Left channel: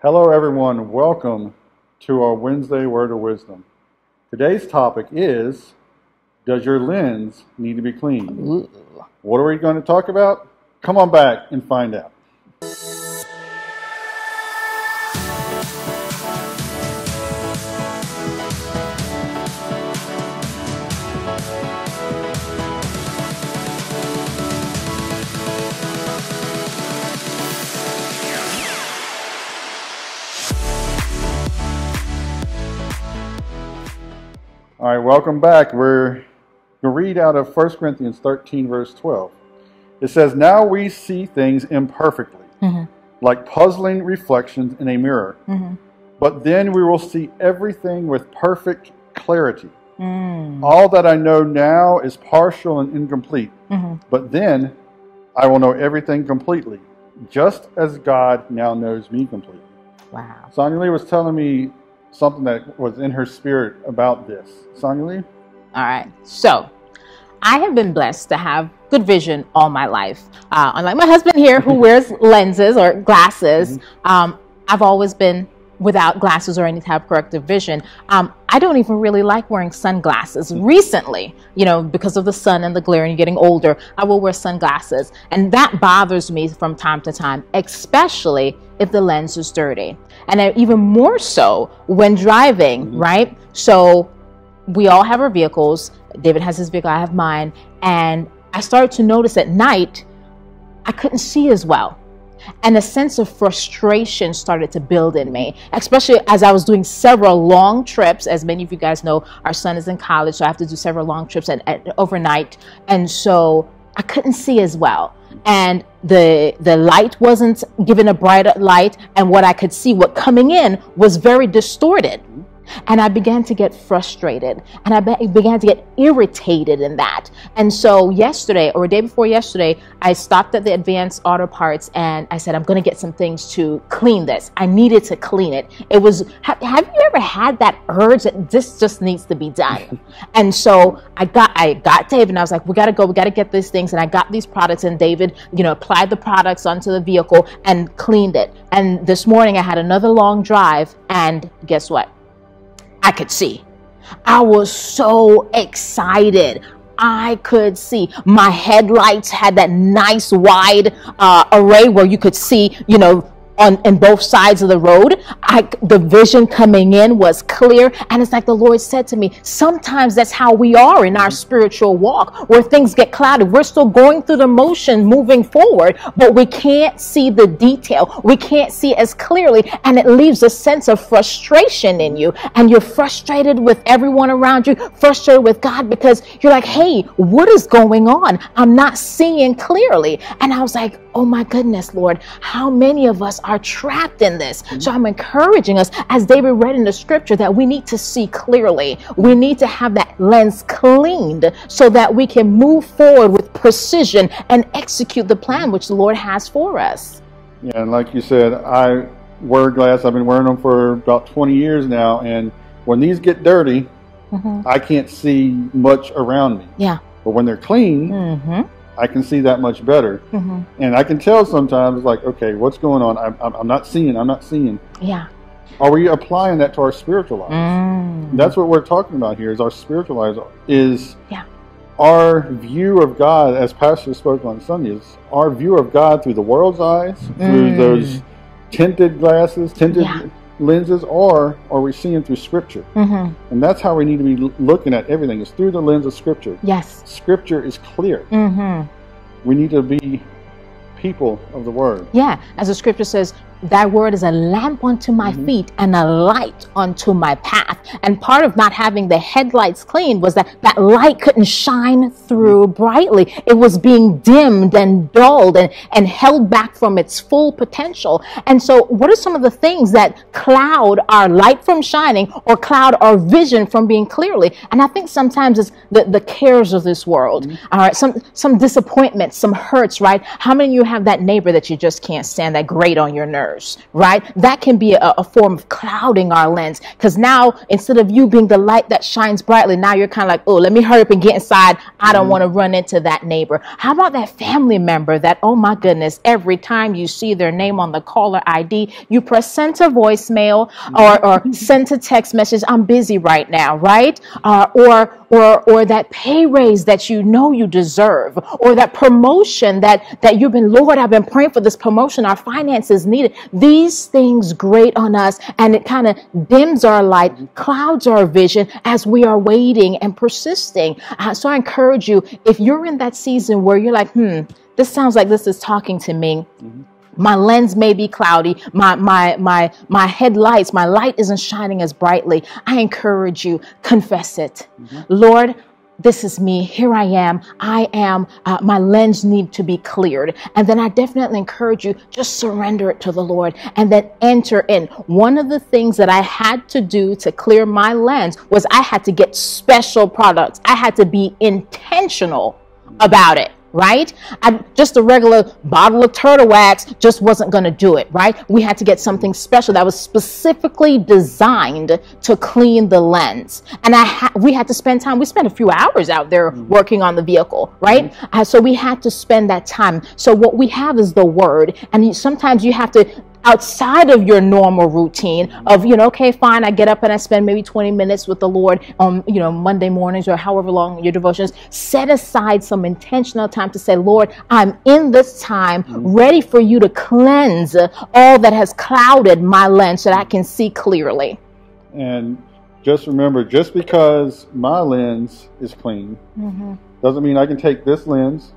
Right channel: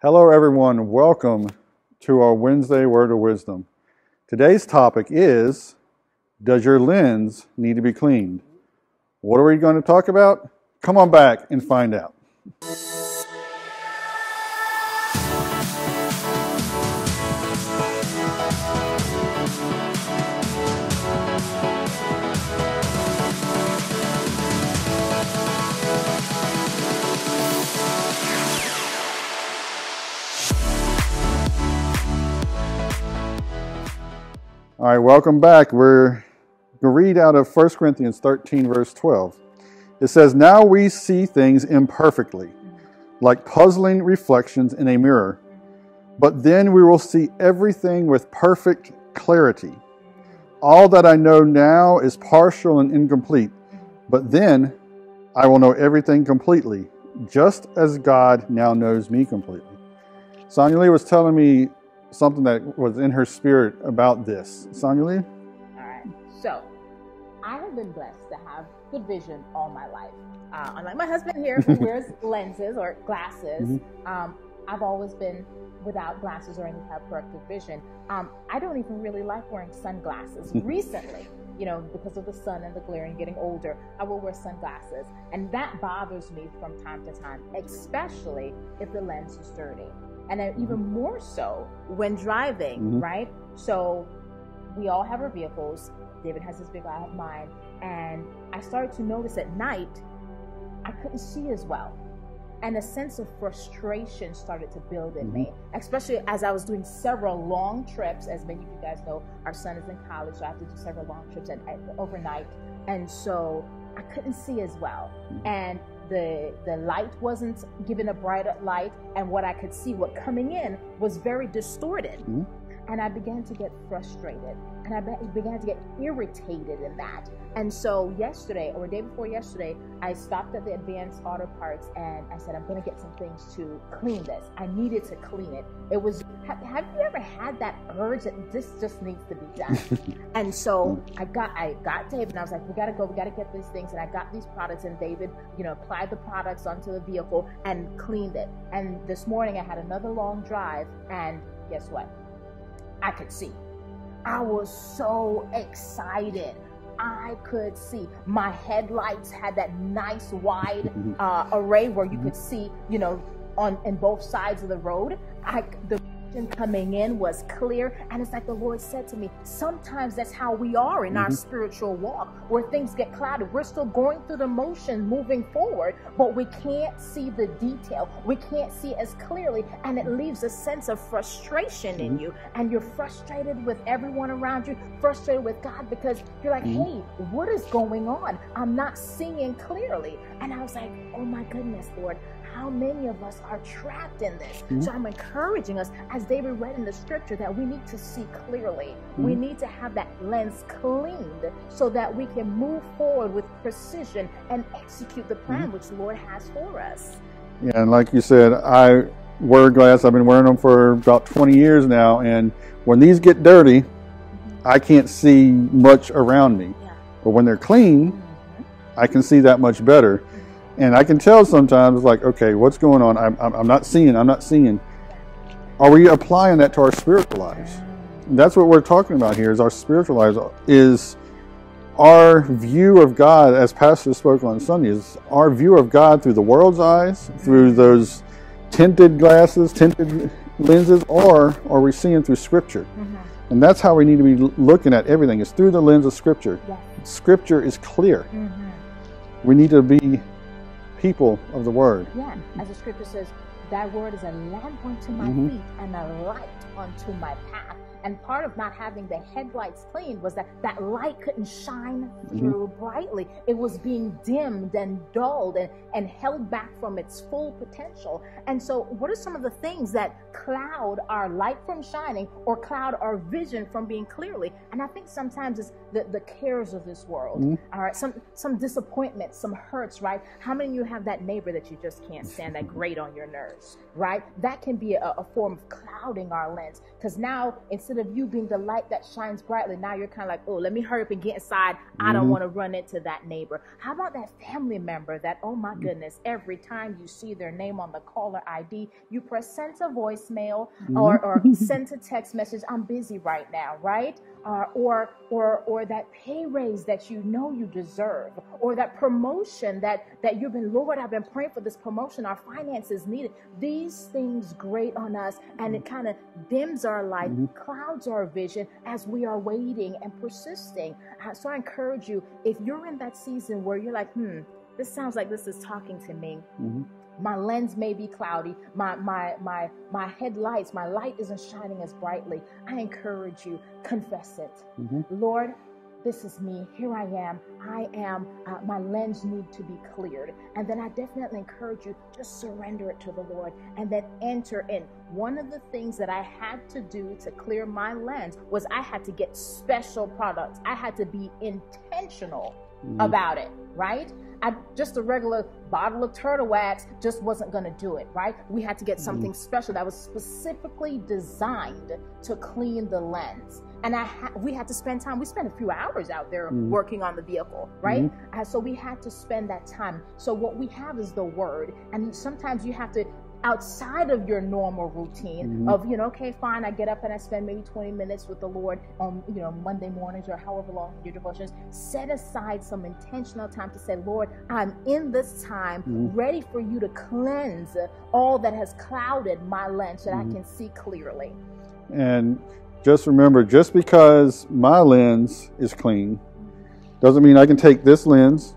Hello, everyone. Welcome to our Wednesday Word of Wisdom. Today's topic is, does your lens need to be cleaned? Ooh. What are we going to talk about? Come on back and find out. All right, welcome back. We're going to read out of 1 Corinthians 13, verse 12. It says, now we see things imperfectly, like puzzling reflections in a mirror. But then we will see everything with perfect clarity. All that I know now is partial and incomplete. But then I will know everything completely, just as God now knows me completely. Wow. Sonia Lee was telling me something that was in her spirit about this. Sonia Lee? All right. So I have been blessed to have good vision all my life. Unlike my husband here who wears lenses or glasses, I've always been without glasses or any type of corrective vision. I don't even really like wearing sunglasses. Recently, because of the sun and the glare and getting older, I will wear sunglasses. And that bothers me from time to time, especially if the lens is dirty. And even more so when driving, right? So we all have our vehicles. David has his vehicle, I have mine. And I started to notice at night, I couldn't see as well. And a sense of frustration started to build in me, especially as I was doing several long trips. As many of you guys know, our son is in college, so I have to do several long trips overnight. And so I couldn't see as well. And the light wasn't given a brighter light. And what I could see, what coming in was very distorted. And I began to get frustrated and I began to get irritated in that. And so yesterday or day before yesterday, I stopped at the Advanced Auto Parts and I said, I'm going to get some things to clean this. I needed to clean it. It was, have you ever had that urge that this just needs to be done? And so I got David and I was like, we got to get these things. And I got these products and David, applied the products onto the vehicle and cleaned it. And this morning I had another long drive and guess what? I could see. I was so excited. I could see. My headlights had that nice wide array where you could see, on both sides of the road. The vision coming in was clear. And it's like the Lord said to me, sometimes that's how we are in our spiritual walk, where things get clouded. We're still going through the motion, moving forward, but we can't see the detail. We can't see as clearly. And it leaves a sense of frustration in you. And you're frustrated with everyone around you, frustrated with God, because you're like, hey, what is going on? I'm not seeing clearly. And I was like, oh my goodness, Lord, how many of us are trapped in this? So I'm encouraging us, as David read in the scripture, that we need to see clearly. We need to have that lens cleaned so that we can move forward with precision and execute the plan which the Lord has for us. Yeah, and like you said, I wear glasses. I've been wearing them for about 20 years now, and when these get dirty, I can't see much around me. Yeah. But when they're clean, I can see that much better. And I can tell sometimes, like, okay, what's going on? I'm not seeing. Yeah. Are we applying that to our spiritual lives? That's what we're talking about here, is our spiritual lives, is our view of God, as Pastor spoke on Sunday, is our view of God through the world's eyes, through those tinted glasses, tinted lenses, or are we seeing through Scripture? And that's how we need to be looking at everything, is through the lens of Scripture. Yes. Scripture is clear. We need to be people of the Word. Yeah, as the scripture says, thy word is a lamp unto my feet and a light unto my path. And part of not having the headlights clean was that that light couldn't shine through brightly. It was being dimmed and dulled and held back from its full potential. And so what are some of the things that cloud our light from shining or cloud our vision from being clearly? And I think sometimes it's the cares of this world. All right, some disappointments, some hurts, right? How many of you have that neighbor that you just can't stand, that grate on your nerves? others, right? That can be a form of clouding our lens, because now instead of you being the light that shines brightly, now you're kind of like, oh, let me hurry up and get inside. I don't want to run into that neighbor. How about that family member that, oh my goodness, every time you see their name on the caller ID, you press send to voicemail or send to text message, I'm busy right now, right? Or that pay raise that you know you deserve, or that promotion that you've been, Lord, I've been praying for this promotion, our finances needed. These things grate on us, and it kind of dims our light, clouds our vision as we are waiting and persisting. So I encourage you, if you're in that season where you're like, this sounds like this is talking to me. My lens may be cloudy. My headlights, my light isn't shining as brightly. I encourage you, confess it. Lord, this is me. Here I am. My lens need to be cleared. And then I definitely encourage you, just surrender it to the Lord and then enter in. One of the things that I had to do to clear my lens was I had to get special products. I had to be intentional about it. Right? Just a regular bottle of turtle wax just wasn't going to do it, right? We had to get something special that was specifically designed to clean the lens. And we had to spend time. We spent a few hours out there working on the vehicle, right? So we had to spend that time. So what we have is the word. And sometimes you have to, outside of your normal routine of, okay, fine, I get up and I spend maybe 20 minutes with the Lord on, Monday mornings or however long your devotions, set aside some intentional time to say, Lord, I'm in this time ready for you to cleanse all that has clouded my lens so that I can see clearly. And just remember, just because my lens is clean doesn't mean I can take this lens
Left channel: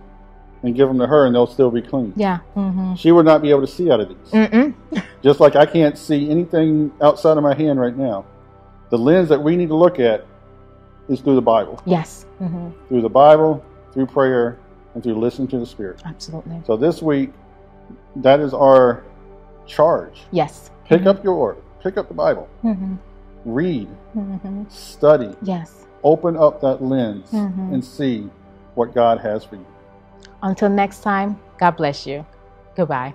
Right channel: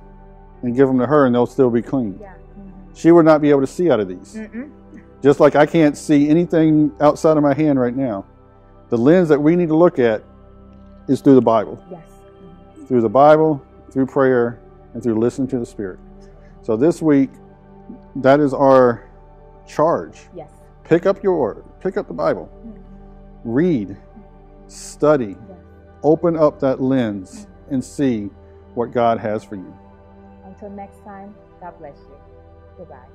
and give them to her and they'll still be clean. Yeah. She would not be able to see out of these. Just like I can't see anything outside of my hand right now. The lens that we need to look at is through the Bible. Yes. Through the Bible, through prayer, and through listening to the Spirit. Absolutely. So this week, that is our charge. Yes. Pick up the Bible. Read. Study. Yes. Open up that lens and see what God has for you. Until next time, God bless you. Goodbye.